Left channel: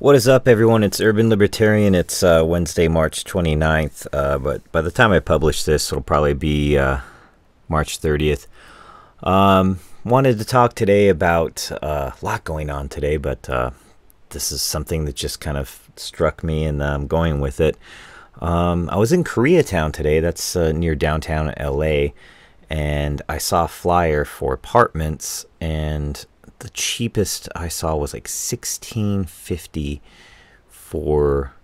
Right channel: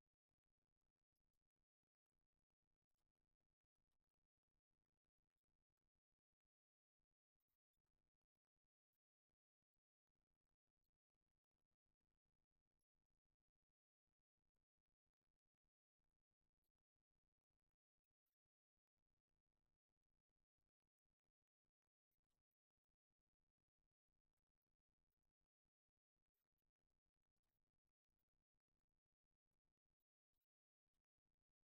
What is up, everyone? It's Urban Libertarian. It's Wednesday, March 29th. But by the time I publish this, it'll probably be March 30th. Wanted to talk today about a lot going on today, but this is something that just kind of struck me, and I'm going with it. I was in Koreatown today. That's near downtown LA, and I saw a flyer for apartments, and the cheapest I saw was like $16.50 for,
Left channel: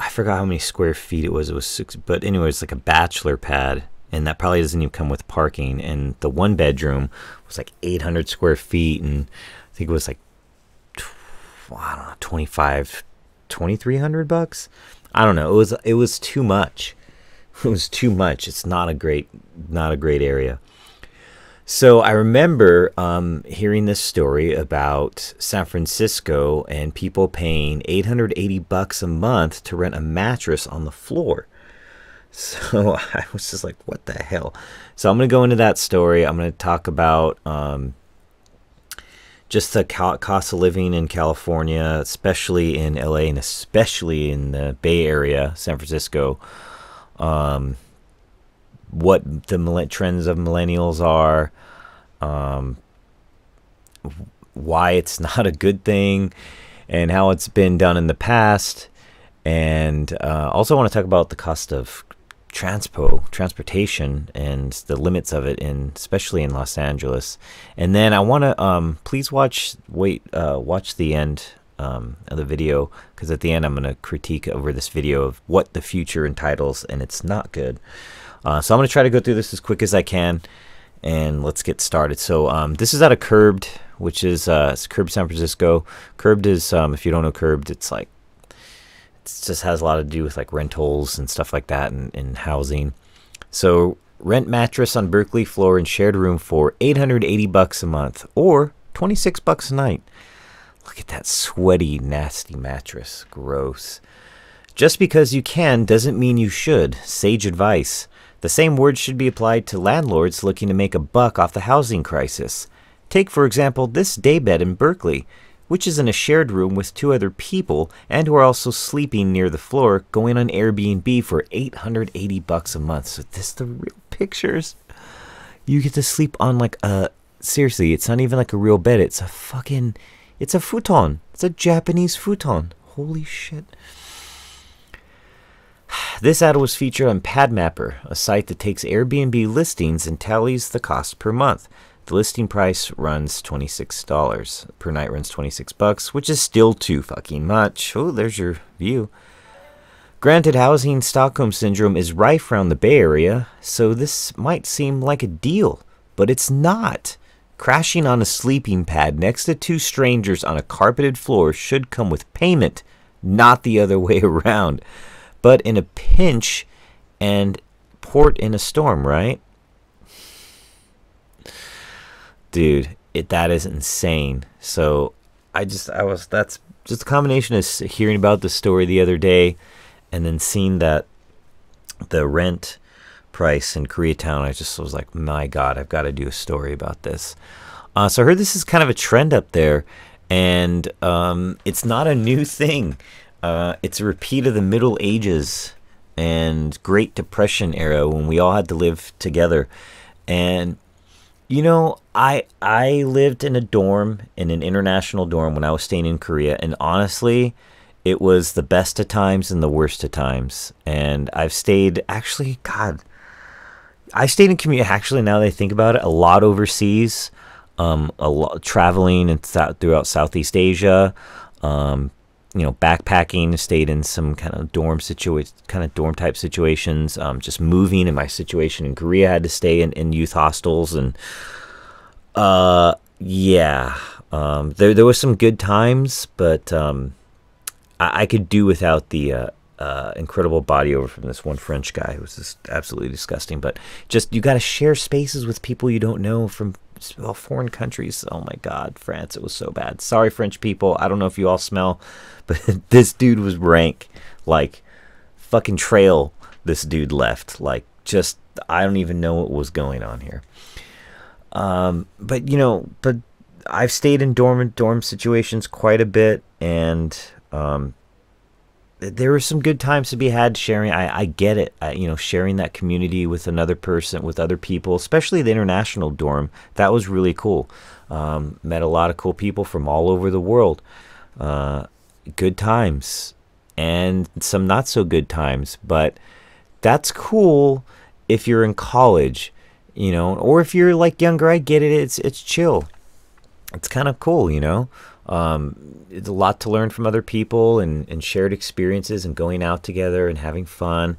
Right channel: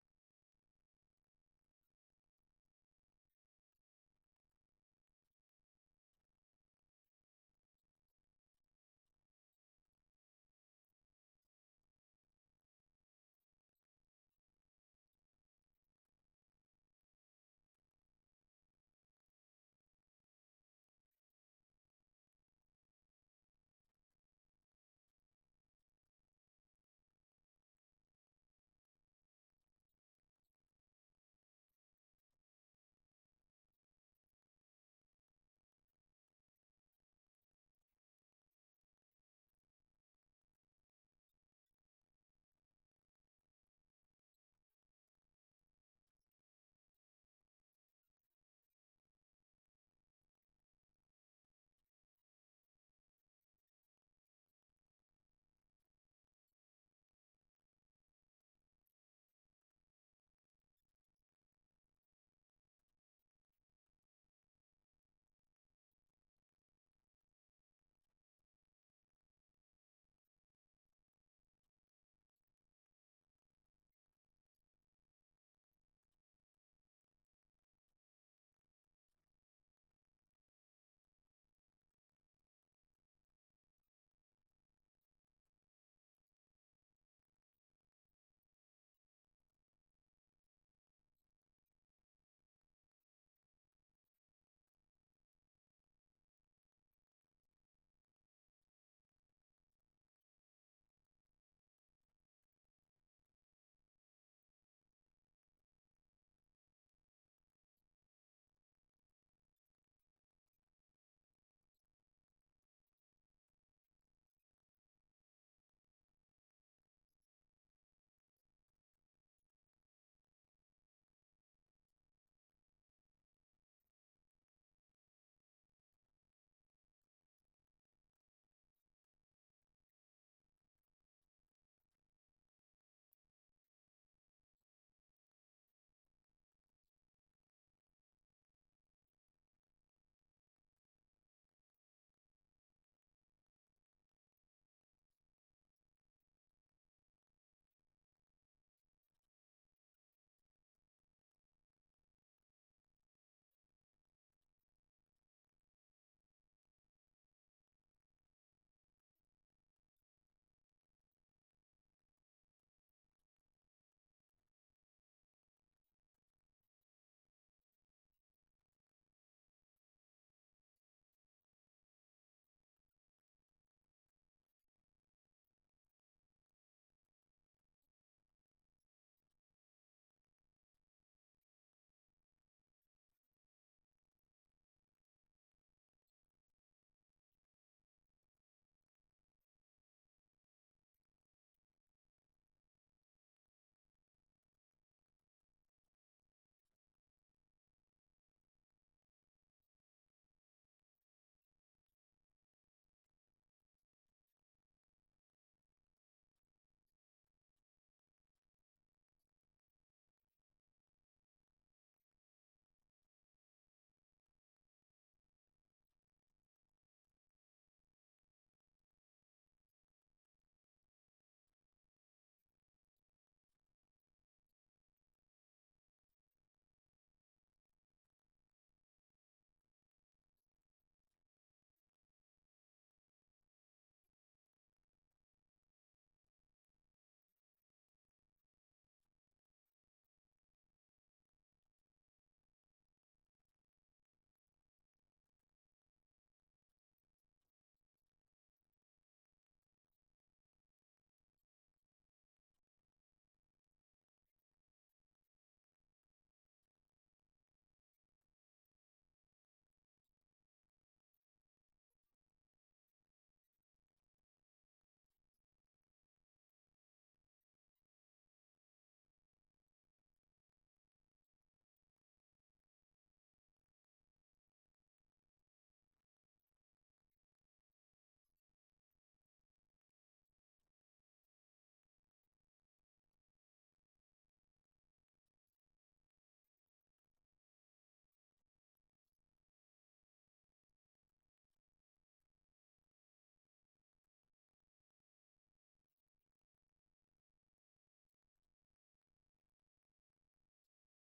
I forgot how many square feet it was. It was six, but anyway, it's like a bachelor pad, and that probably doesn't even come with parking. And the one bedroom was like 800 square feet, and I think it was like, I don't know, 2,300 bucks. I don't know. It was too much. It was too much. It's not a great area. So I remember hearing this story about San Francisco and people paying $880 a month to rent a mattress on the floor. So I was just like, what the hell? So I'm going to go into that story. I'm going to talk about just the cost of living in California, especially in LA and especially in the Bay Area, San Francisco. What the trends of millennials are, why it's not a good thing, and how it's been done in the past. And also want to talk about the cost of transportation and the limits of it, especially in Los Angeles. And then I want to please watch the end of the video, because at the end I'm going to critique over this video of what the future entitles, and it's not good. So I'm going to try to go through this as quick as I can, and let's get started. So this is out of Curbed, which is it's Curbed San Francisco. Curbed is, if you don't know Curbed, it just has a lot to do with like rentals and stuff like that, and housing. So rent mattress on Berkeley floor and shared room for $880 a month, or $26 a night. Look at that sweaty, nasty mattress. Gross. Just because you can doesn't mean you should. Sage advice. The same words should be applied to landlords looking to make a buck off the housing crisis. Take, for example, this daybed in Berkeley, which is in a shared room with two other people and who are also sleeping near the floor, going on Airbnb for $880 a month. So this the real pictures. You get to sleep on like seriously, it's not even like a real bed. It's a fucking, it's a futon. It's a Japanese futon. Holy shit. This ad was featured on PadMapper, a site that takes Airbnb listings and tallies the cost per month. The listing price runs $26 per night, runs $26, which is still too fucking much. Oh, there's your view. Granted, housing Stockholm syndrome is rife around the Bay Area, so this might seem like a deal, but it's not. Crashing on a sleeping pad next to two strangers on a carpeted floor should come with payment, not the other way around. But in a pinch and port in a storm, right? Dude, that is insane. So that's just a combination of hearing about the story the other day and then seeing that the rent price in Koreatown. I just was like, my God, I've got to do a story about this. So I heard this is kind of a trend up there, and it's not a new thing. It's a repeat of the Middle Ages and Great Depression era when we all had to live together. And, you know, I lived in a dorm, in an international dorm when I was staying in Korea. And honestly, it was the best of times and the worst of times. And I've stayed, actually, God, I stayed in community, actually, now that I think about it, a lot overseas, a lot traveling and throughout Southeast Asia, backpacking, stayed in some kind of dorm type situations. Just moving in my situation in Korea, I had to stay in youth hostels, and there was some good times, but I could do without the incredible body odor from this one French guy. It was just absolutely disgusting. But just, you got to share spaces with people you don't know from foreign countries. Oh my God, France, it was so bad. Sorry, French people. I don't know if you all smell, but this dude was rank. Like, fucking trail this dude left. Like, just, I don't even know what was going on here. But I've stayed in dorm situations quite a bit, and There were some good times to be had sharing. I get it. Sharing that community with another person, with other people, especially the international dorm. That was really cool. Met a lot of cool people from all over the world. Good times and some not so good times, but that's cool if you're in college, or if you're like younger. I get it. It's chill. It's kind of cool, it's a lot to learn from other people and shared experiences and going out together and having fun.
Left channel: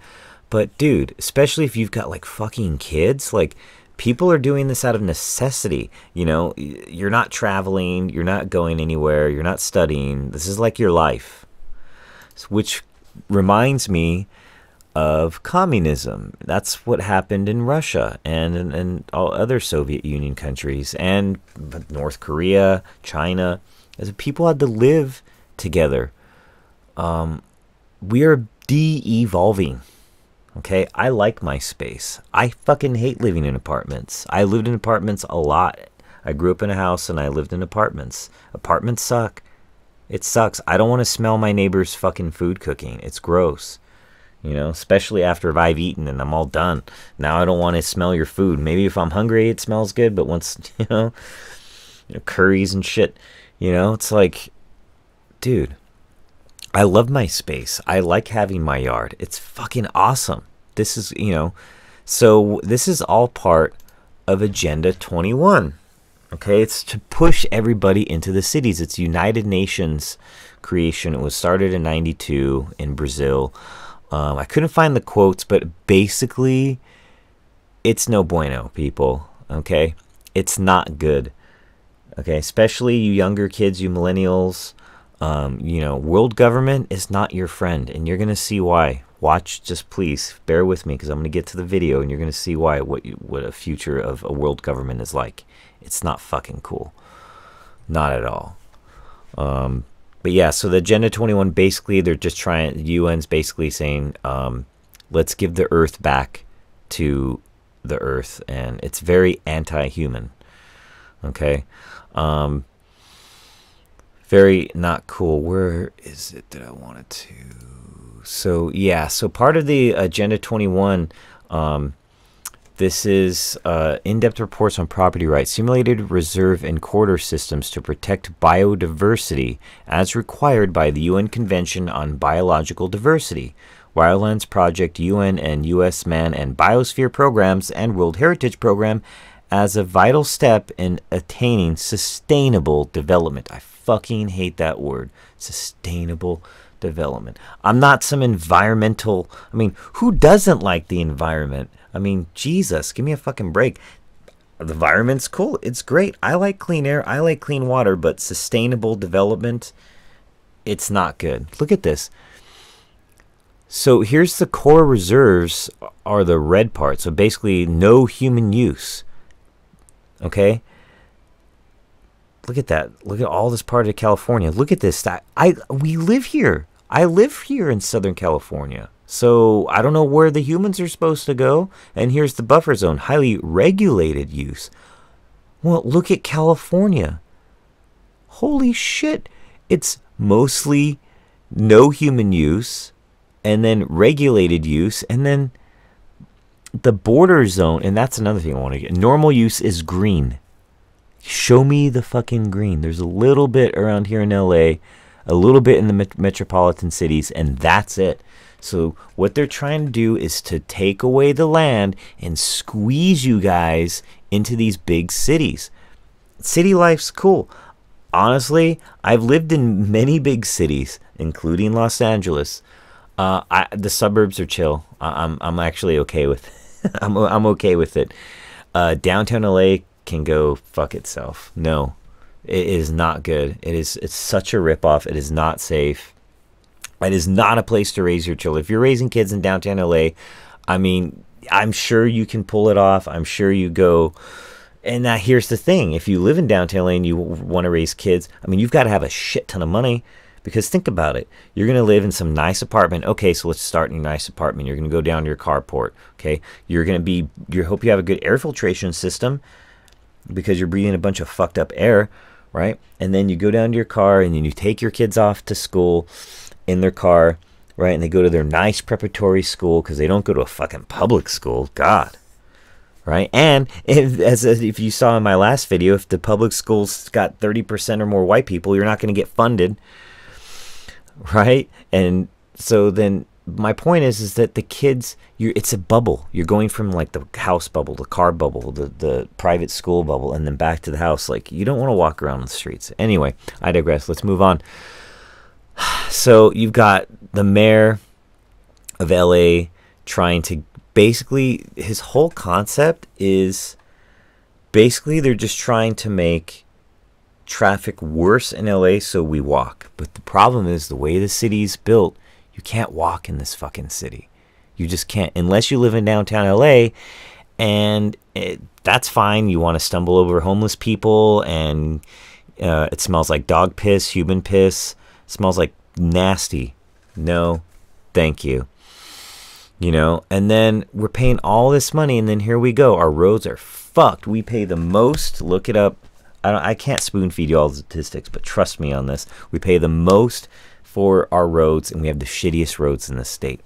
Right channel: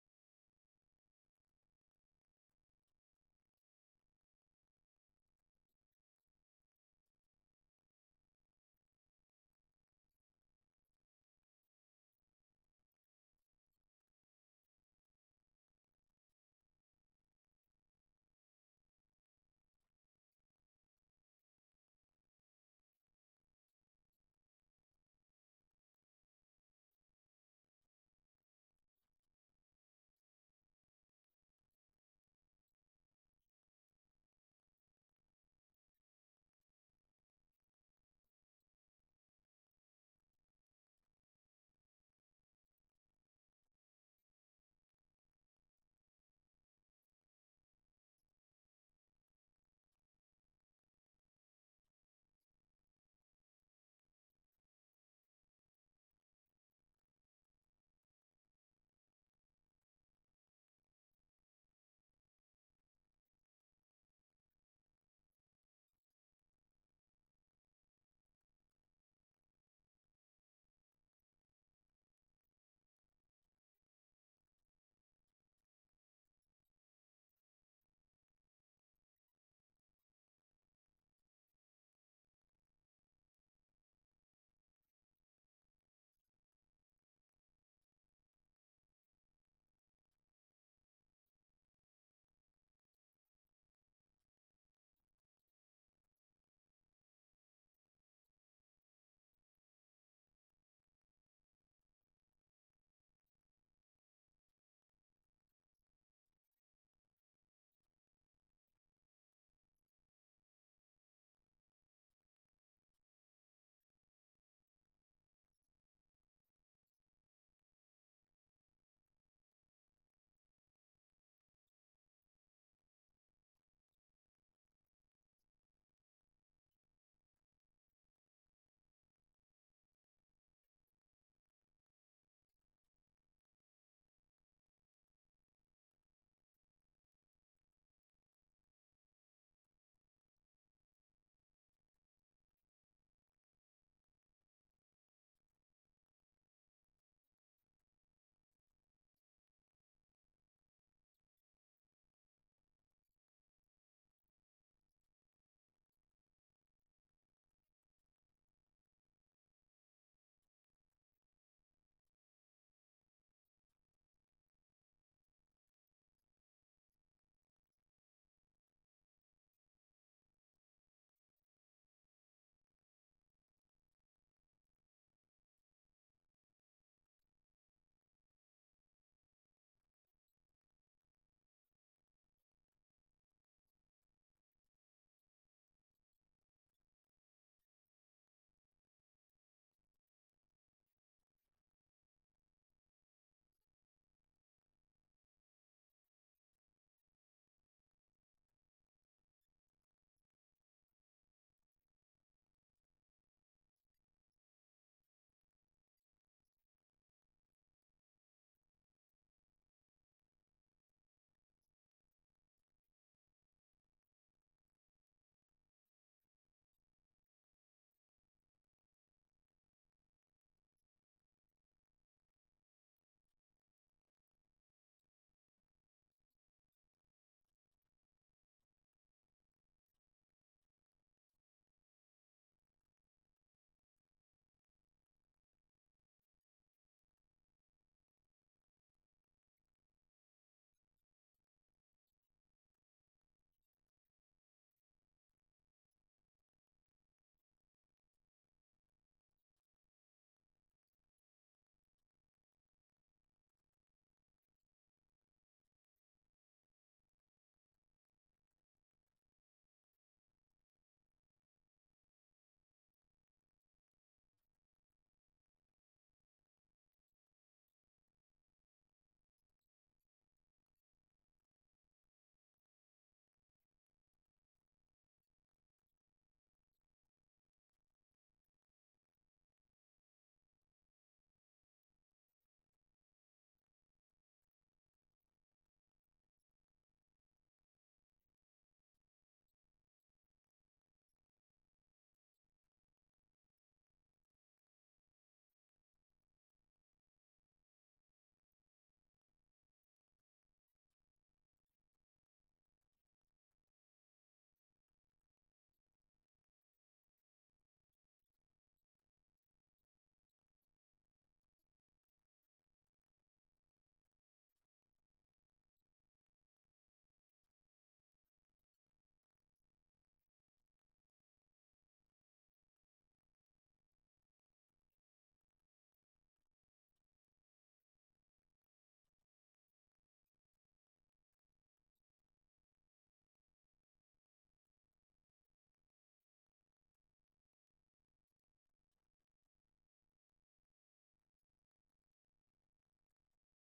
But dude, especially if you've got like fucking kids, like people are doing this out of necessity. You're not traveling, you're not going anywhere, you're not studying. This is like your life, which reminds me of communism. That's what happened in Russia and all other Soviet Union countries and North Korea, China, as people had to live together. We are de-evolving. Okay, I like my space. I fucking hate living in apartments. I lived in apartments a lot. I grew up in a house and I lived in apartments. Apartments suck. It sucks. I don't want to smell my neighbor's fucking food cooking. It's gross. Especially after I've eaten and I'm all done. Now I don't want to smell your food. Maybe if I'm hungry, it smells good. But once, curries and shit, it's like, dude, I love my space. I like having my yard. It's fucking awesome. This is, so this is all part of Agenda 21. Okay, it's to push everybody into the cities. It's United Nations creation. It was started in 92 in Brazil. I couldn't find the quotes, but basically, it's no bueno, people. Okay, it's not good. Okay, especially you younger kids, you millennials. World government is not your friend, and you're gonna see why. Watch, just please bear with me, because I'm gonna get to the video, and you're gonna see why. What a future of a world government is like. It's not fucking cool, not at all. But yeah, so the Agenda 21, basically, they're just trying, the UN's basically saying, let's give the Earth back to the Earth. And it's very anti-human. Okay? Very not cool. Where is it that I wanted to? So, yeah, so part of the Agenda 21, this is in-depth reports on property rights, simulated reserve and corridor systems to protect biodiversity as required by the UN Convention on Biological Diversity, Wildlands Project, UN and US Man and Biosphere Programs, and World Heritage Program as a vital step in attaining sustainable development. I fucking hate that word, sustainable development. I'm not some environmental, who doesn't like the environment? Jesus, give me a fucking break. The environment's cool. It's great. I like clean air. I like clean water, but sustainable development, it's not good. Look at this. So here's the core reserves are the red part. So basically no human use. Okay? Look at that. Look at all this part of California. Look at this. We live here. I live here in Southern California. So I don't know where the humans are supposed to go. And here's the buffer zone, highly regulated use. Well, look at California. Holy shit. It's mostly no human use and then regulated use and then the border zone. And that's another thing I want to get. Normal use is green. Show me the fucking green. There's a little bit around here in LA, a little bit in the metropolitan cities, and that's it. So what they're trying to do is to take away the land and squeeze you guys into these big cities. City life's cool. Honestly, I've lived in many big cities, including Los Angeles. The suburbs are chill. I'm actually okay with it. I'm okay with it. Downtown LA can go fuck itself. No, it is not good. It's such a ripoff. It is not safe. It is not a place to raise your children. If you're raising kids in downtown LA, I'm sure you can pull it off. I'm sure you go. And now here's the thing. If you live in downtown LA and you want to raise kids, you've got to have a shit ton of money. Because think about it. You're going to live in some nice apartment. Okay, so let's start in a nice apartment. You're going to go down to your carport. Okay, you hope you have a good air filtration system because you're breathing a bunch of fucked up air, right? And then you go down to your car and then you take your kids off to school in their car, right? And they go to their nice preparatory school because they don't go to a fucking public school. God. Right? And if you saw in my last video, if the public schools got 30% or more white people, you're not going to get funded. Right? And so then my point is that the kids, it's a bubble. You're going from like the house bubble, the car bubble, the private school bubble, and then back to the house. Like, you don't want to walk around the streets. Anyway, I digress. Let's move on. So you've got the mayor of LA trying to basically, his whole concept is basically they're just trying to make traffic worse in LA so we walk. But the problem is the way the city's built, you can't walk in this fucking city. You just can't unless you live in downtown LA, and that's fine. You want to stumble over homeless people, and it smells like dog piss, human piss. It smells like nasty. No, thank you. You know, and then we're paying all this money, and then here we go. Our roads are fucked. We pay the most. Look it up. I can't spoon feed you all the statistics, but trust me on this. We pay the most for our roads, and we have the shittiest roads in the state.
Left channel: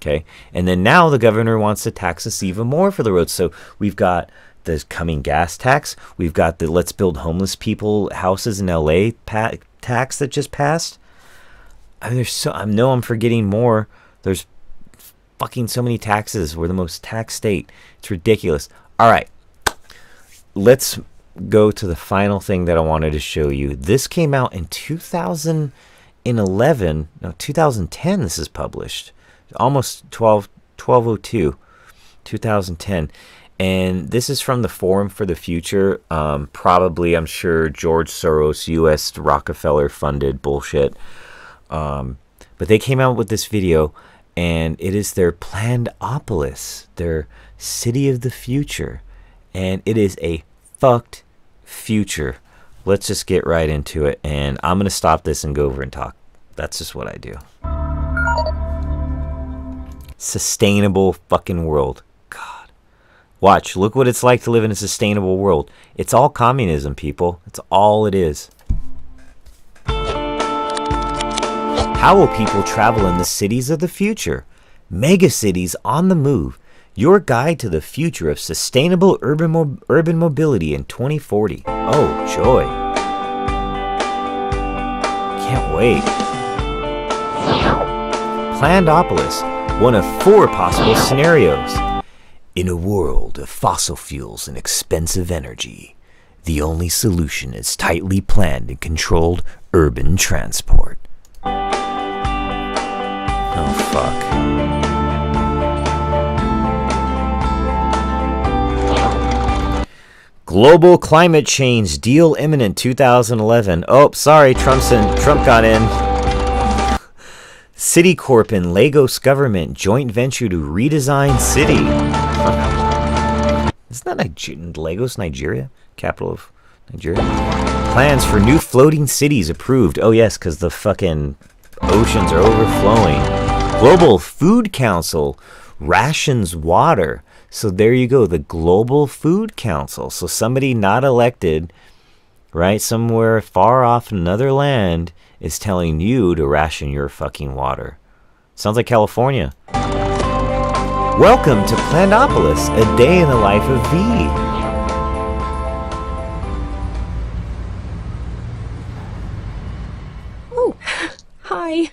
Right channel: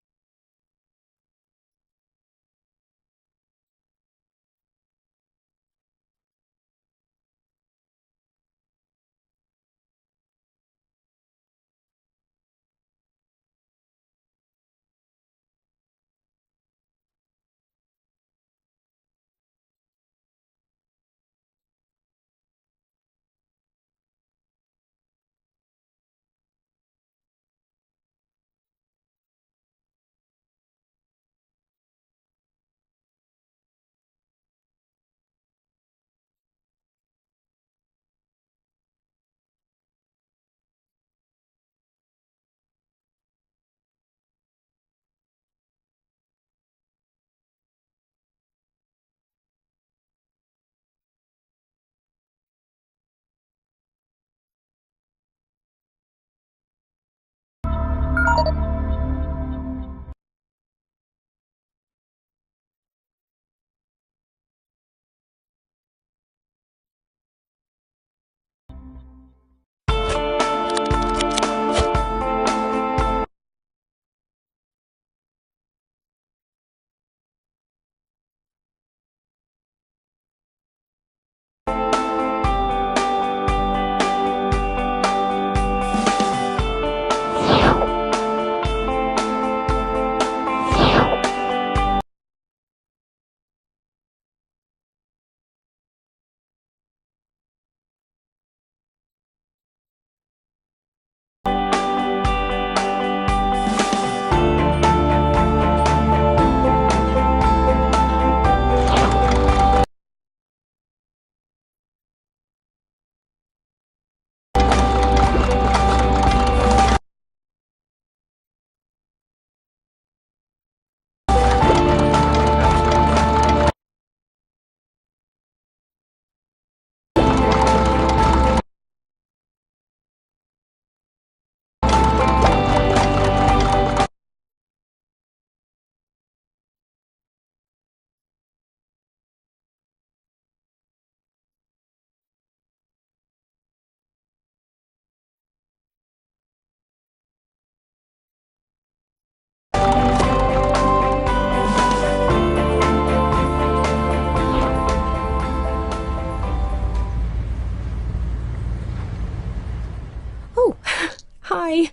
Okay, and then now the governor wants to tax us even more for the roads. So we've got the coming gas tax. We've got the let's build homeless people houses in LA tax that just passed. I mean, I know I'm forgetting more. There's fucking so many taxes. We're the most taxed state. It's ridiculous. All right, let's go to the final thing that I wanted to show you. This came out in 2011. No, 2010. This is published. Almost 1202, 2010. And this is from the Forum for the Future. Probably, I'm sure, George Soros, U.S. Rockefeller funded bullshit. But they came out with this video, and it is their Plannedopolis, their city of the future. And it is a fucked future. Let's just get right into it. And I'm going to stop this and go over and talk. That's just what I do. Sustainable fucking world. God. Watch. Look what it's like to live in a sustainable world. It's all communism, people. It's all it is. How will people travel in the cities of the future? Mega cities on the move. Your guide to the future of sustainable urban mobility in 2040. Oh, joy. Can't wait. Plannedopolis. One of 4 possible scenarios. In a world of fossil fuels and expensive energy, the only solution is tightly planned and controlled urban transport. Oh, fuck. Global climate change deal imminent 2011. Oh, sorry, Trump got in. Citicorp and Lagos government joint venture to redesign city. Isn't that Lagos, Nigeria? Capital of Nigeria. Plans for new floating cities approved. Oh yes, because the fucking oceans are overflowing. Global Food Council rations water. So there you go, the Global Food Council. So somebody not elected, right, somewhere far off in another land is telling you to ration your fucking water. Sounds like California. Welcome to Plannedopolis, a day in the life of V. Oh, hi.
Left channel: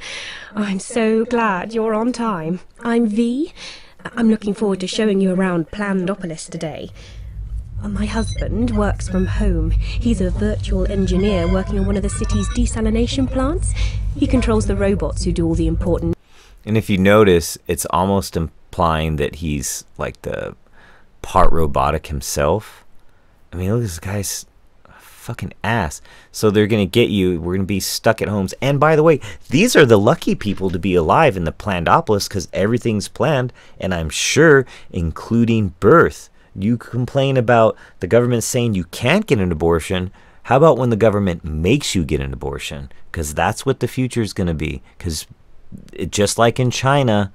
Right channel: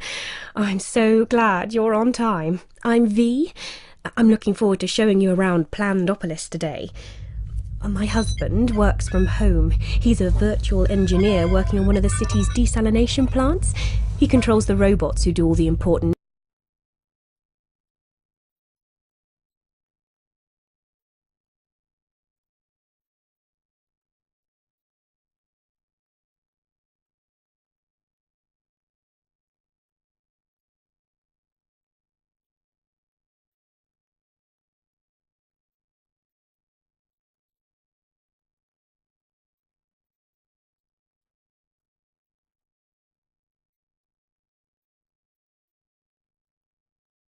I'm so glad you're on time. I'm V. I'm looking forward to showing you around Plannedopolis today. My husband works from home. He's a virtual engineer working on one of the city's desalination plants. He controls the robots who do all the important... And if you notice, it's almost implying that he's like the part robotic himself. I mean, look, this guy's a fucking ass. So they're going to get you. We're going to be stuck at homes. And by the way, these are the lucky people to be alive in the Plannedopolis because everything's planned, and I'm sure including birth. You complain about the government saying you can't get an abortion. How about when the government makes you get an abortion? Because that's what the future is going to be. Because just like in China,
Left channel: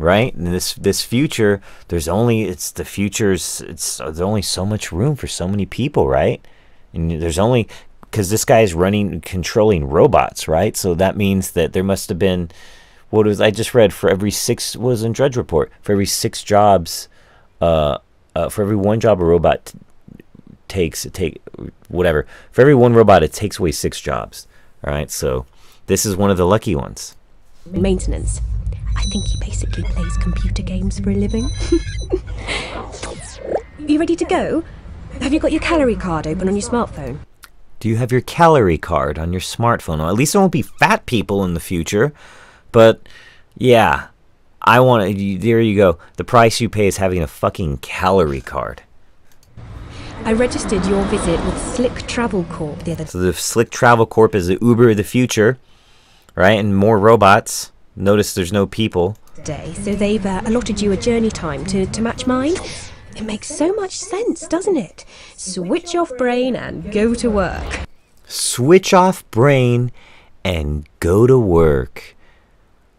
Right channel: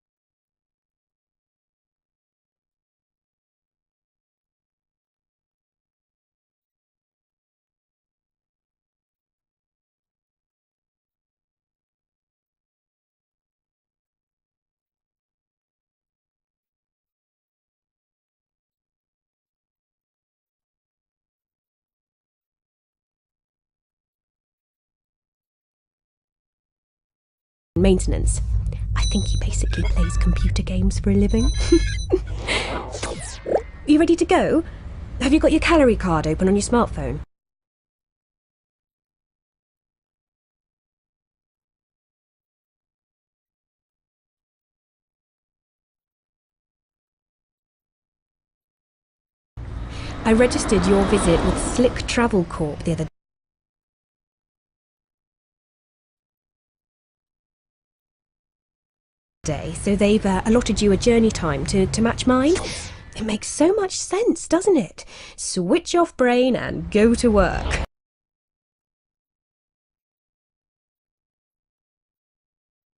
right? In this future, there's only so much room for so many people, right? And there's only because this guy is controlling robots, right? So that means that there must have been, I just read, for every 6, was in Drudge Report, for every 6 jobs, for every 1 job a robot for every 1 robot, it takes away 6 jobs. All right, so this is one of the lucky ones. Maintenance. I think he basically plays computer games for a living. You ready to go? Have you got your calorie card open on your smartphone? Do you have your calorie card on your smartphone? Well, at least it won't be fat people in the future. But yeah, there you go. The price you pay is having a fucking calorie card. I registered your visit with Slick Travel Corp the other day. So the Slick Travel Corp is the Uber of the future, right? And more robots. Notice there's no people. So they've allotted you a journey time to match mine. It makes so much sense, doesn't it? Switch off brain and go to work. Switch off brain and go to work.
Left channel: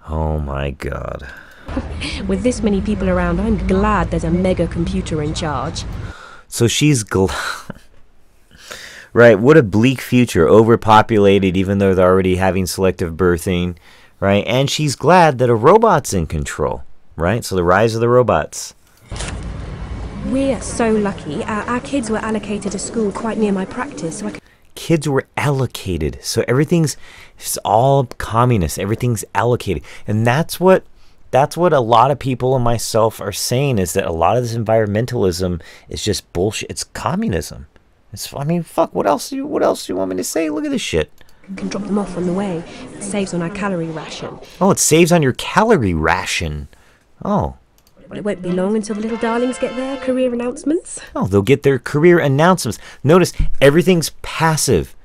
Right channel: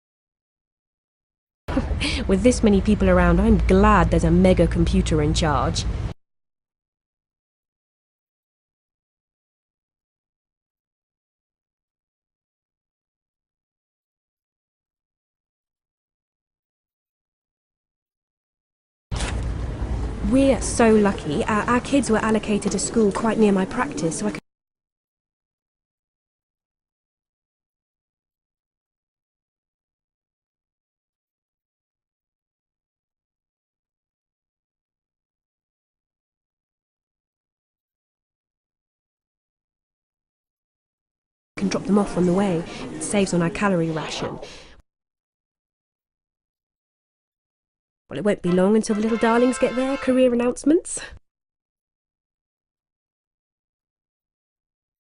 Oh my God. With this many people around, I'm glad there's a mega computer in charge. So she's right, what a bleak future. Overpopulated, even though they're already having selective birthing, right? And she's glad that a robot's in control, right? So the rise of the robots. We're so lucky. Our kids were allocated a school quite near my practice, so I could... Kids were allocated. So it's all communist. Everything's allocated. And that's what a lot of people and myself are saying, is that a lot of this environmentalism is just bullshit. It's communism. Fuck, what else do you want me to say? Look at this shit. Can drop them off on the way. It saves on our calorie ration. Oh, it saves on your calorie ration. Oh. Well, it won't be long until the little darlings get their career announcements. Oh, they'll get their career announcements. Notice, everything's passive.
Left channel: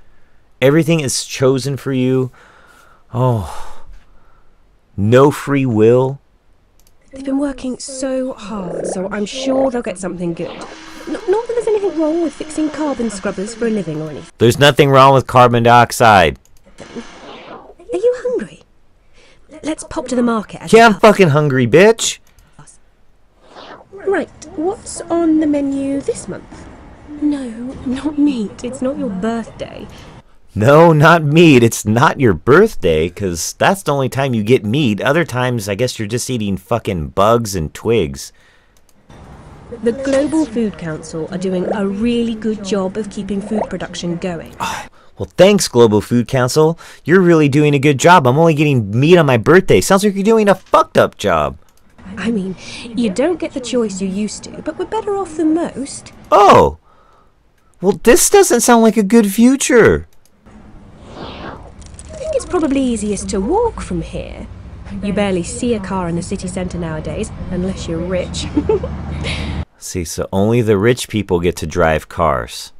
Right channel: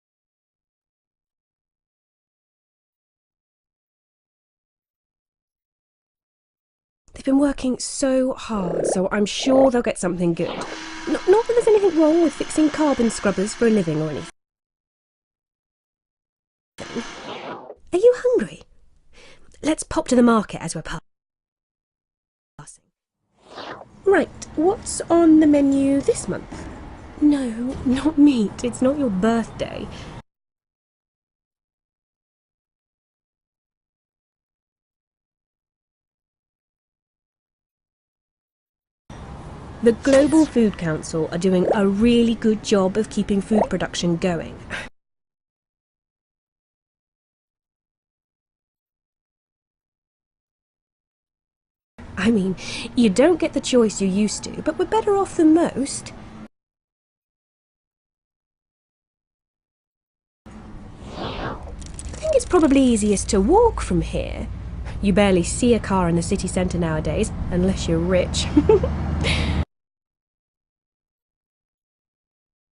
Everything is chosen for you. Oh. No free will. They've been working so hard, so I'm sure they'll get something good. Not that there's anything wrong with fixing carbon scrubbers for a living or anything. There's nothing wrong with carbon dioxide. Are you hungry? Let's pop to the market. Yeah, I'm fucking hungry, bitch. Right, what's on the menu this month? No, not meat. It's not your birthday. No, not meat. It's not your birthday, because that's the only time you get meat. Other times, I guess you're just eating fucking bugs and twigs. The Global Food Council are doing a really good job of keeping food production going. Oh, well, thanks, Global Food Council. You're really doing a good job. I'm only getting meat on my birthday. Sounds like you're doing a fucked up job. I mean, you don't get the choice you used to, but we're better off than most. Oh. Well, this doesn't sound like a good future. I think it's probably easiest to walk from here. You barely see a car in the city centre nowadays, unless you're rich. See, so only the rich people get to drive cars.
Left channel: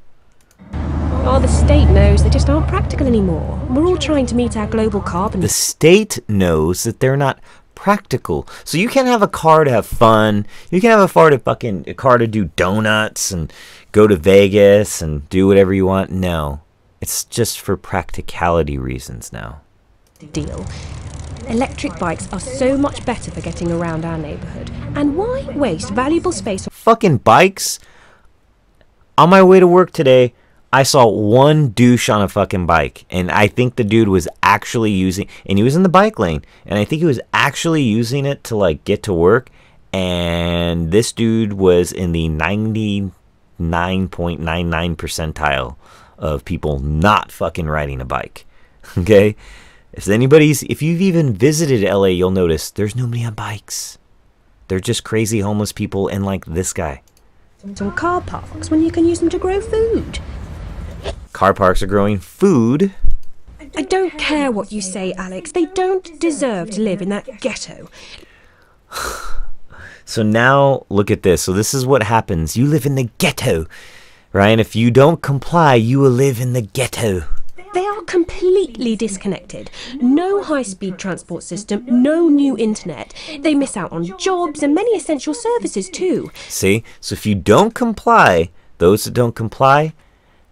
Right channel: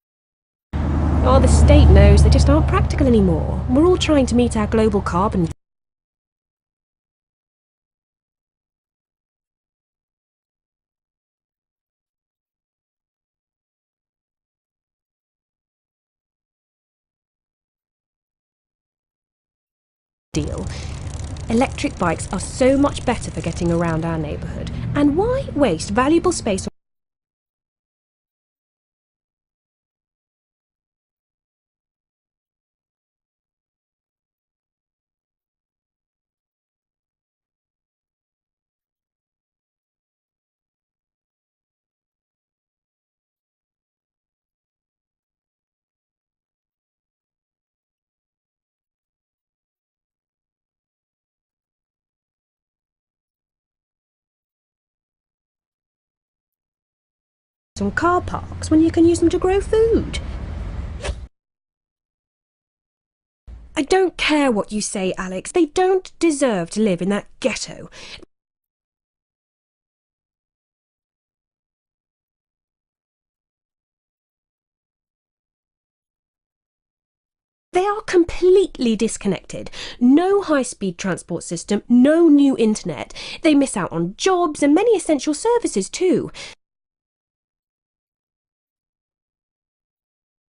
Oh, the state knows they just aren't practical anymore. We're all trying to meet our global carbon... The state knows that they're not practical. So you can't have a car to have fun. You can have a car to do donuts and go to Vegas and do whatever you want. No. It's just for practicality reasons now. Deal. Electric bikes are so much better for getting around our neighbourhood. And why waste valuable space on... Fucking bikes? On my way to work today, I saw one douche on a fucking bike. And I think the dude was actually using... And he was in the bike lane. And I think he was actually using it to, like, get to work. And this dude was in the 99.99 percentile of people not fucking riding a bike. Okay? If you've even visited LA, you'll notice there's nobody on bikes. They're just crazy homeless people and like this guy. On car parks when you can use them to grow food. Car parks are growing food. I don't care what you say, Alex. They don't deserve to live in that ghetto. So now look at this. So this is what happens. You live in the ghetto, right? And if you don't comply, you will live in the ghetto. They are completely disconnected. No high-speed transport system, no new internet. They miss out on jobs and many essential services too. See? So if you don't comply, those that don't comply,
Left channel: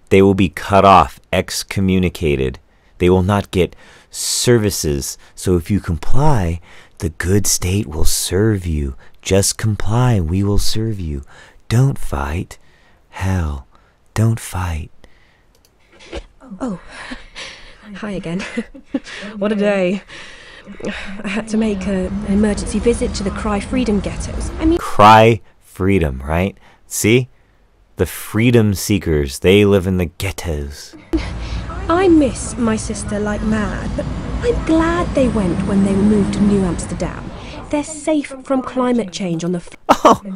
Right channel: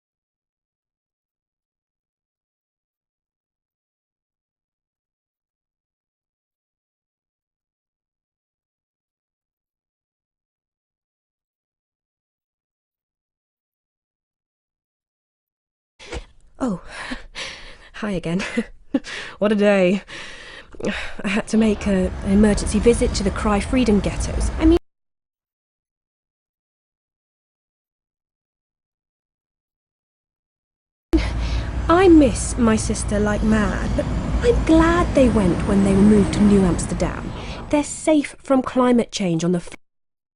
they will be cut off, excommunicated. They will not get services. So if you comply, the good state will serve you. Just comply, we will serve you. Don't fight. Hell, don't fight. Oh, hi again. What a day. I had to make an emergency visit to the Cry Freedom ghettos. Cry freedom, right? See? The freedom seekers, they live in the ghettos. I miss my sister like mad, but I'm glad they went when they moved to New Amsterdam. They're safe from climate change on the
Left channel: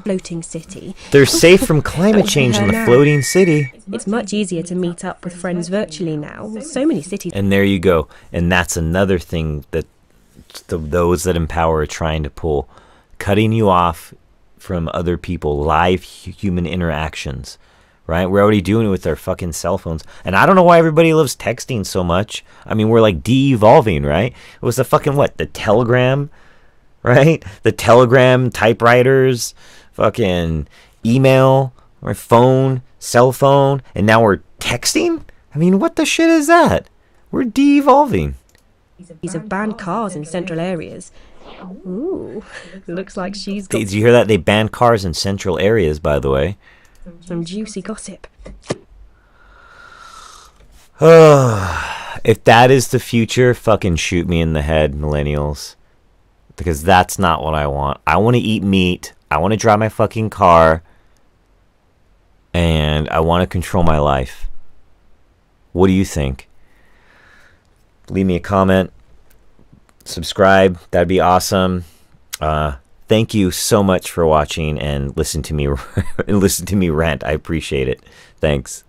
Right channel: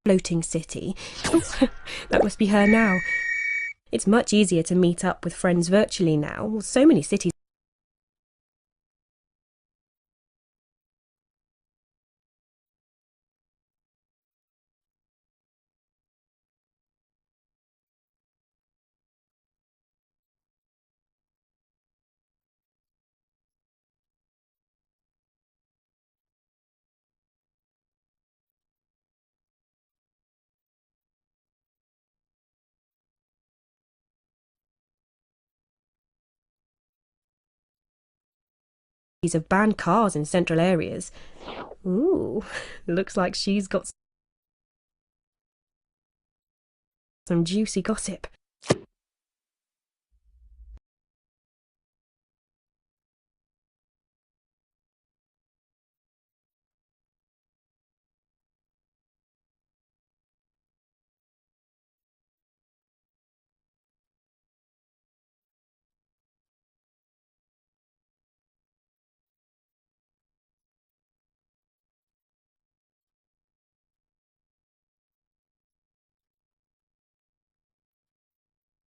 floating city. They're safe from climate change in the floating city. It's much easier to meet up with friends virtually now. So many cities. And there you go. And that's another thing that those that empower are trying to pull. Cutting you off from other people, live human interactions. Right? We're already doing it with our fucking cell phones. And I don't know why everybody loves texting so much. I mean, we're like de-evolving, right? It was the fucking what? The telegram, right? The telegram, typewriters, fucking email, or phone, cell phone, and now we're texting? I mean, what the shit is that? We're de-evolving. These have banned cars in central areas. Ooh, looks like she's got... Did you hear that? They banned cars in central areas, by the way. some juicy gossip. If that is the future, fucking shoot me in the head, millennials. Because that's not what I want. I want to eat meat. I want to drive my fucking car. And I want to control my life. What do you think? Leave me a comment. Subscribe. That'd be awesome. Thank you so much for watching and listen to me rant. I appreciate it. Thanks.